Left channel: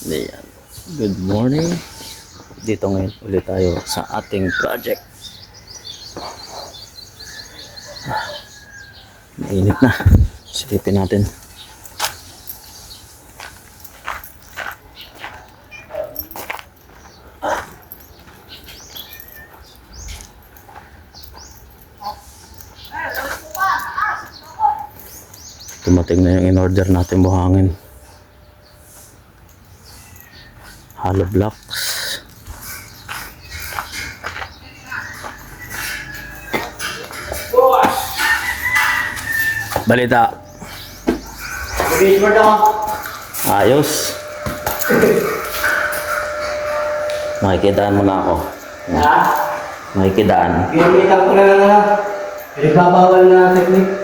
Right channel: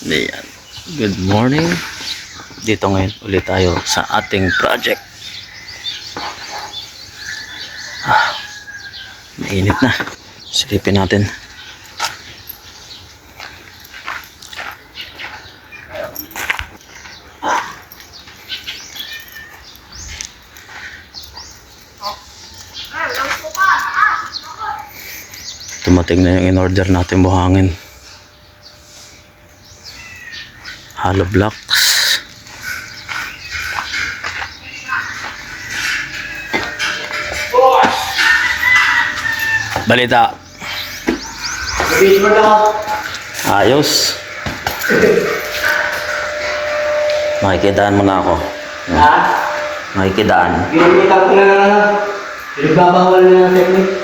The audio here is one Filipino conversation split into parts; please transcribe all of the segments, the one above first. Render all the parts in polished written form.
Ayan. Good morning. Dito ngayon ulit tayo sa ating project. Mainit na. Silipin natin. Tumating na yung in-order natin buhangin. Hollow blocks. Balita. Ayos. Makikidaan mo na ako. Ha? Makikidaan. Ginamitan ko na nagbabawal na technique.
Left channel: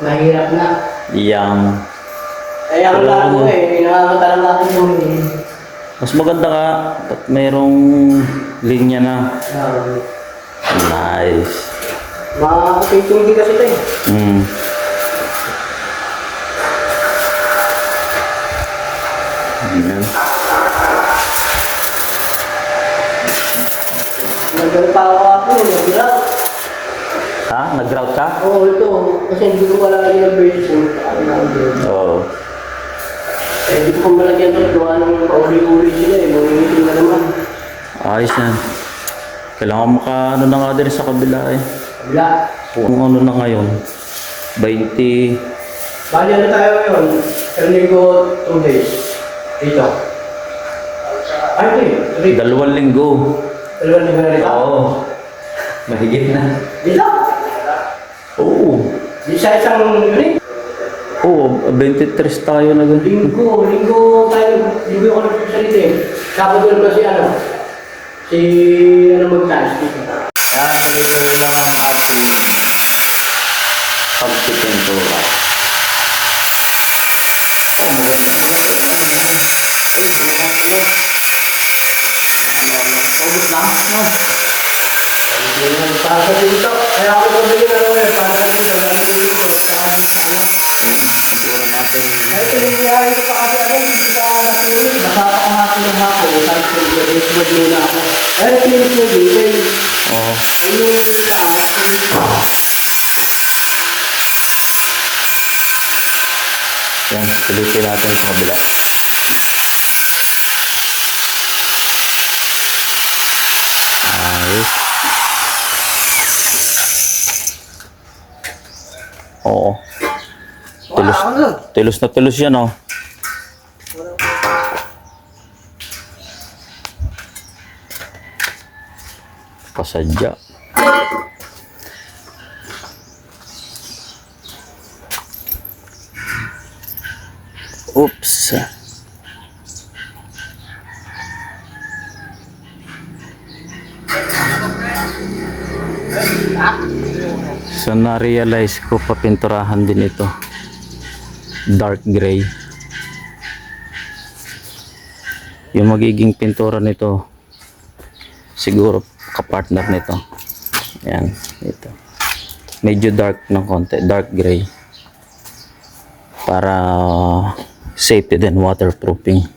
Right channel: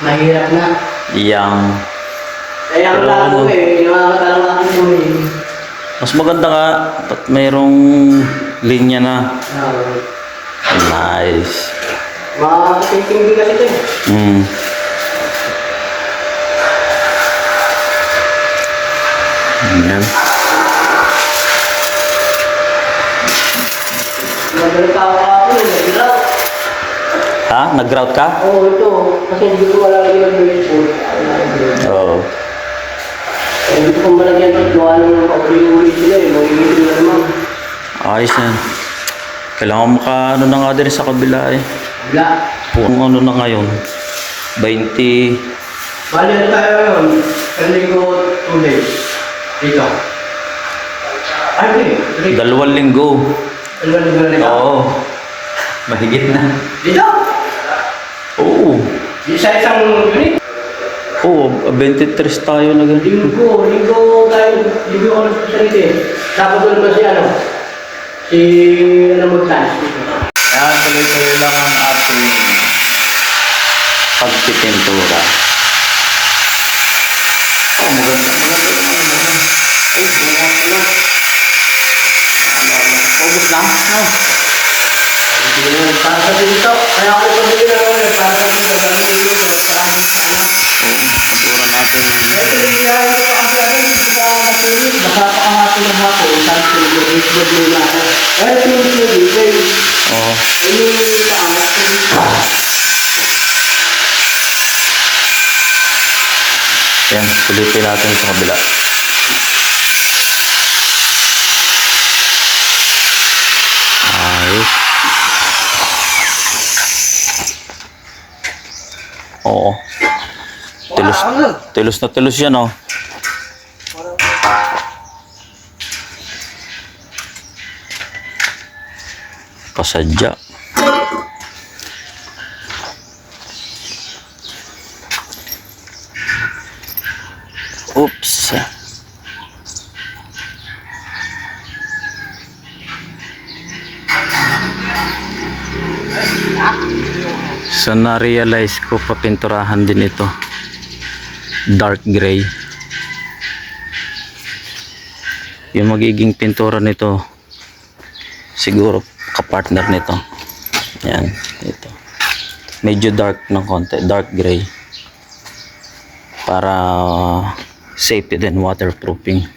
Mahirap na. Yang. Kaya ang lang ko nakakatalong na ako mo Mas maganda ka at mayroong linya na. Nice. Makakitindi kasi ito eh. Ayan. Nagdala pa ako nag-grout. Ha? Nag-grout ka? Oo, ito. Kasi hindi ko malagay yung baseball. Oo. Eh, hindi ko pa malagyan ito. Gawa ng pauli-uli sila eh. Mangingitin na naman. Ayos yan. Kailangan maka ano na nga din sa kabila eh. Wala. Kung ano na ngayon. 20. Bali ano tayo ngayon? Kanligo 2 days. Dito. Ay, 3. 2 linggo. Dalawang linggo na nito. Oo. Mahigit na. Dito? Oo. Sa isang unit? Oo, 23 tayo na ganun. Linggo tayo. Linggo ako nagsasalita eh. Tapos doon ba si ano? Si ano magtaas? Kaya tuloy-tuloy lang ang ating pagpipintura. Oh, maganda. Ay, maganda pala. Ubus lang? No. Para sa dito. Kaya ako pabili na naman. Para sa dito. Dami dito. Para dito. Oo, pintura natin. Ay, pinagyahan ko pa kasi ano. Hindi pa natulog. Baka pa kahapon ng hapon. Sabi ko yung baseball nila. Pero pinis na dito. Oo. Ay, yung taas. Yan, silipin natin sa kabila. Ayos. Oo. Tulos na tulos yan, oh. Pasadya. Oops. So na-realize ko papinturahan din ito. Dark gray. Yung magiging pintura nito siguro kapartner nito. Yan, ito. Medyo dark ng konti, dark gray. Para safety din, waterproofing.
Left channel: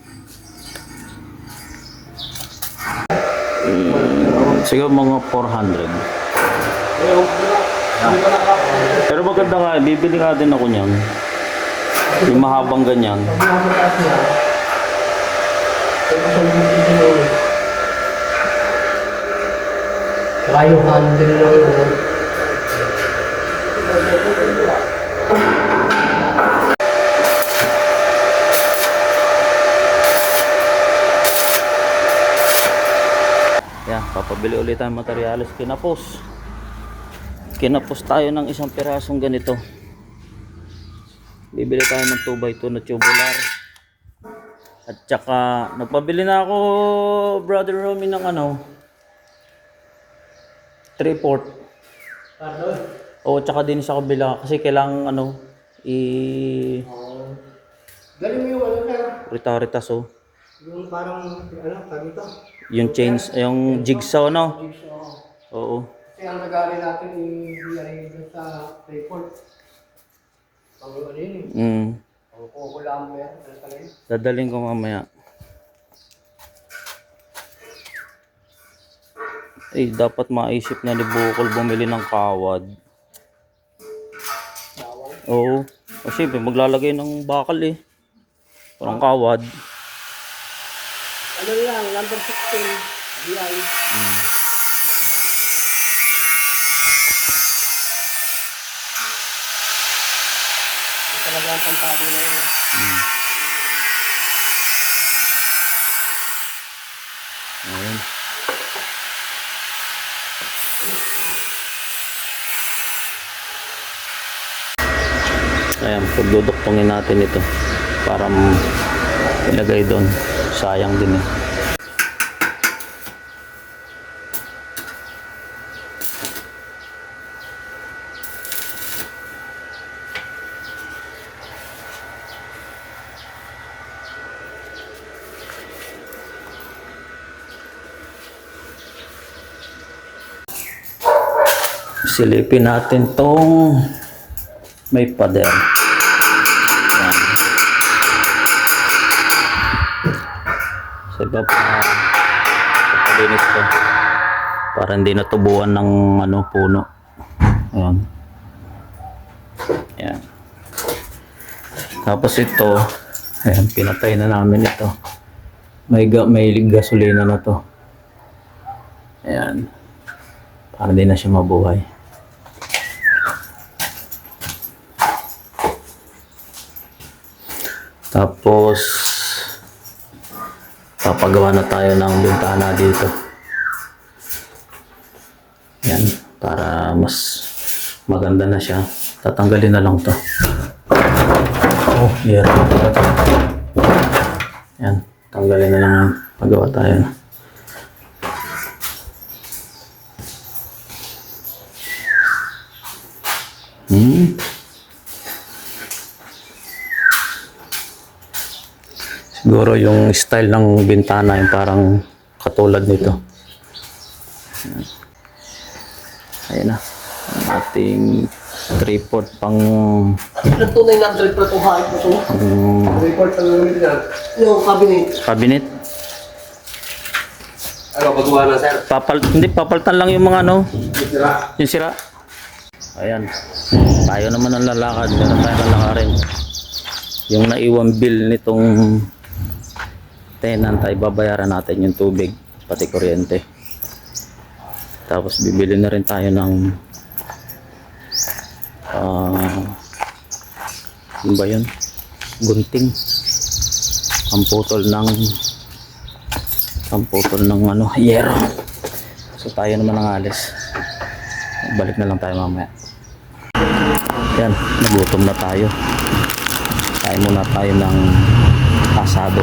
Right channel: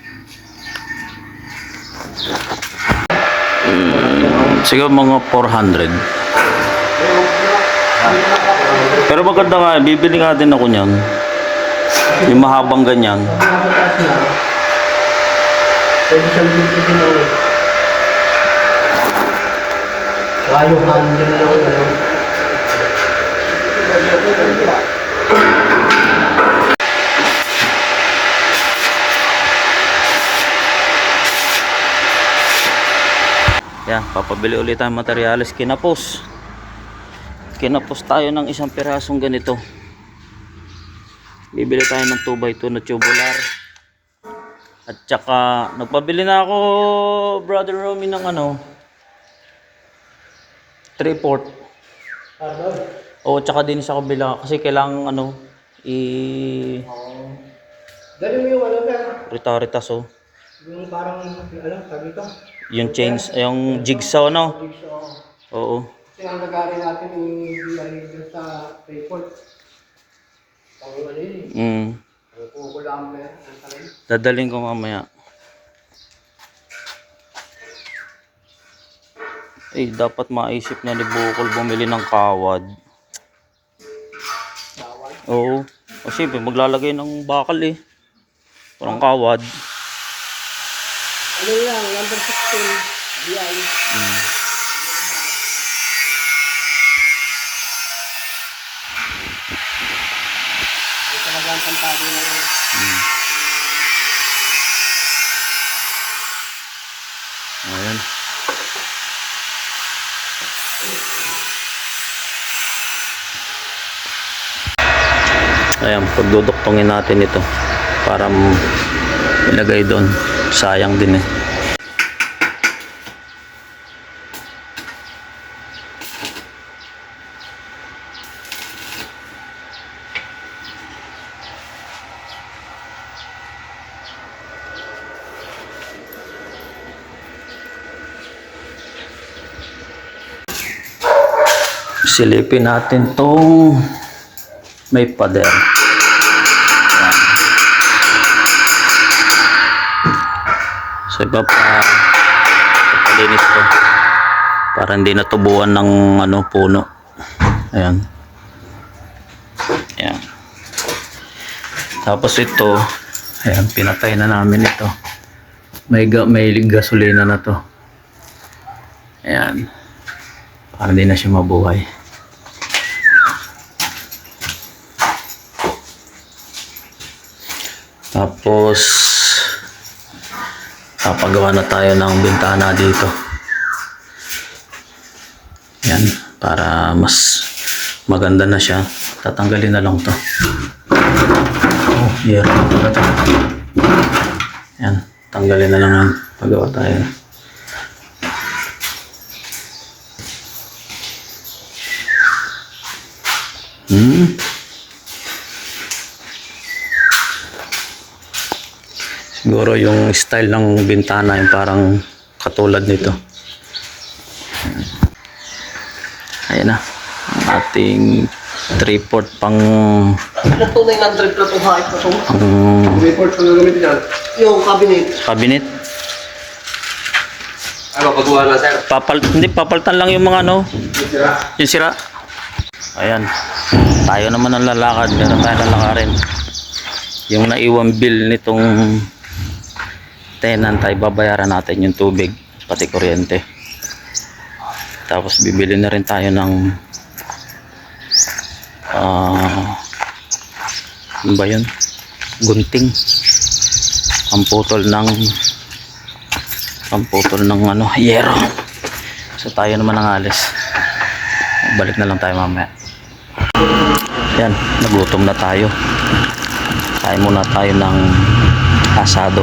Siguro mga 400. Pero maganda nga, bibili nga din ako niyan. Yung mahabang ganyan. Saka yung handle lang ano. Yan, papabili ulit ang materyales. Kinapos tayo ng isang pirasong ganito. Bibili tayo ng 2x2 na tubular. At saka nagpabili na ako, Brother Romy, ng ano 3/4. Oo, tsaka din sa kabila kasi kailangan ano Dali mo yung ano ka? rita-ritas, oh. Yung parang ano, sabi ko? Yung chains, yung jigsaw, no? Oo. Kasi ang nag-aaral natin yung DIY sa report. Pag-alin. Kukulamber. Ang talin. Dadaling ko mamaya. Eh, dapat maisip na ni Bukol bumili ng kawad. Bawal. Oo. O siyempre, maglalagay ng bakal eh. Parang kawad. Ano lang, number 16. DI. Ito talaga ang pantado na yun. Ayan. Ayan, pagduduktongin natin ito para ilagay doon. Sayang din eh. Silipin natin tong may pader. Ayan. So ipapalinis ko para hindi natubuan ng puno. Ayan. Ayan. Tapos ito, ayan, pinatay na namin ito. May gasolina na to. Ayan. Para hindi na siya mabuhay. Tapos papagawa na tayo ng bintana dito. Yan, para mas maganda na siya. Tatanggalin na lang to. Oh, yeah. Yan, tanggalin na lang yan. Pagawa tayo. Siguro yung style ng bintana yung parang katulad nito. Ayan na. Ang ating 3/4 pang Nagtunay na 100 na itong hait na ito. Report ang gagamitin yan. Yung cabinet. cabinet. Ay, mapagawa na, sir. Hindi, papalitan lang yung mga Yung sira. yung sira. Ayan. Tayo naman ang lalakad. Meron tayo lalakarin. Yung naiwan bill nitong tenant ay babayaran natin yung tubig pati kuryente. Tapos bibili na rin tayo ng ano ba yun? Gunting. Pamputol ng yero. So tayo naman ang alis. Balik na lang tayo mamaya. Yan, nagutom na tayo. Kain muna tayo ng asado.